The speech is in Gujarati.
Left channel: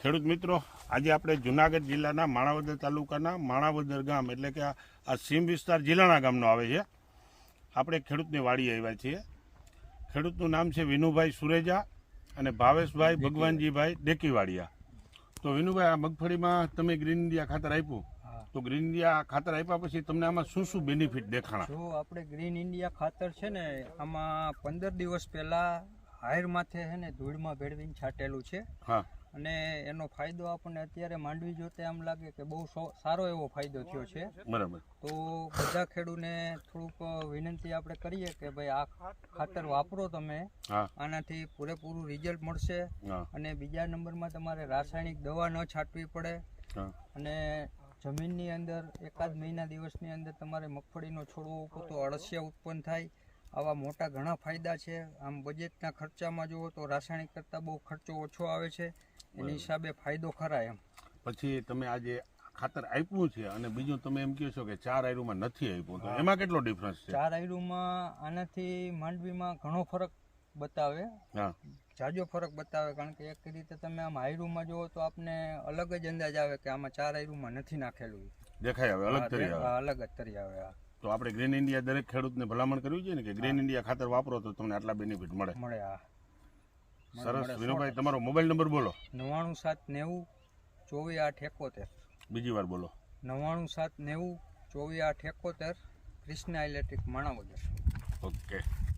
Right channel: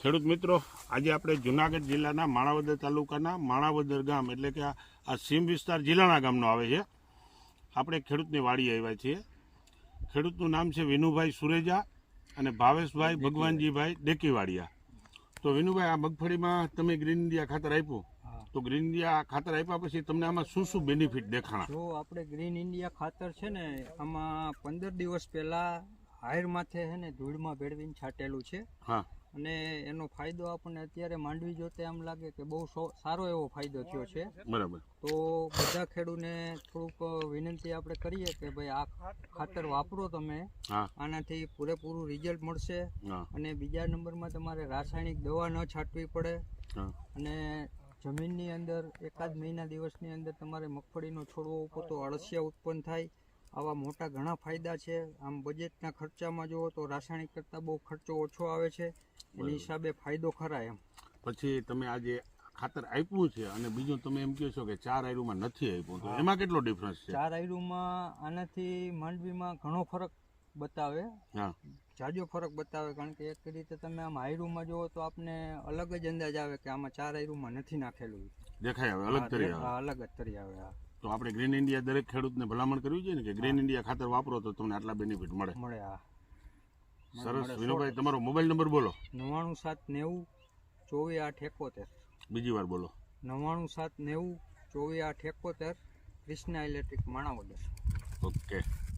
ખેડૂત મિત્રો, આજે આપણે જુનાગઢ જિલ્લાના માણાવદર તાલુકાના માણાવદર ગામ એટલે કે આ સીમ વિસ્તાર જિલ્લાના ગામનો આવે છે. આપણે ખેડૂતની વાડી આવ્યા છીએ. ખેડૂતનું નામ છે વિનુભાઈ સુરેજા અને ભાવેશભાઈ ભગવાનજીભાઈ ડેકીવાડિયા. તો વિનુભાઈ, આ મગફળીમાં તમે ગ્રીન ઇન્ડિયા ખાતર આપ્યું, તો ગ્રીન ઇન્ડિયા ખાતર આપ્યા પછી તમને આમાં શું શું બેનિફિટ દેખાણા? જો આપણે ગ્રીન ઇન્ડિયા ખાતર છે ને, આમાં 15 દિવસ પહેલા હાયર માથે છે ને ધૂળમાં ભેળવીને છાંટેલું છે. હા. અને એનો ફાયદો આપણને અત્યારે માંડવી જોતે આમ લાગે કે બહુ સારો એવો ફાયદો થયો છે. બરાબર. તો બધા ખેડૂતને થોડુંક વિનંતી આપણે કરીએ કે ભાઈ આ ખાતર વાપરો તમે, આનાથી પૂરેપૂરું રિઝલ્ટ મળશે. અને બીજા નંબરમાં તમારે રાસાયણિક દવા ન છાંટવી પડે. અને જમીનની અંદર એકાદ મહિના દિવસની અંદર તમારે મગફળીનો છોડવો ઉપર તો અળસિયા ઉત્પન્ન થાય. આવા મોટા ઘણા ફાયદા છે. આમ બજેટના ખર્ચામાં જુઓ તો રાસાયણિક કરતાં બહુ ખર્ચો ઓછો આવે છે. એની હિસાબે ફાયદો ખરા એમ. પછી તમે આજે ખાતર આપ્યું છે અને બીજું તમે એમ કહો છો કે 4 આયરુમાં નથી આપ્યું, તો એમાં કેટલો ડિફરન્સ છે? 4 આયરુમાં આનાથી માંડવીમાં ઘણો ફરક બતાવે. જાજો ફરક બતાવે, કારણ કે એક રીતે તમે આમ આયરુમાં જુઓ તો આપને અલગ જ અંદાજ આવે કે આમાં 4 આયરુમાં નથી નાખેલું. દેખાય આવે, અલગ તરી આવે. અલગ જ તરી આવે. તો આપણે ગ્રીન ઇન્ડિયા દરેક ખેડૂતને ભલામણ કરવી જોઈએ ને કે ગ્રીન ઇન્ડિયા ખાતર વાપરો તો તમને આટલા બેનિફિટ મળે. સરસ. વિનુભાઈ, તમારો મોબાઈલ નંબર બોલો. 99790 24 8 71. બીજી વાર બોલો. 99790 24 8 71, કૃષ્ણા ઇલેક્ટ્રિક માણાવદર. ઓકે.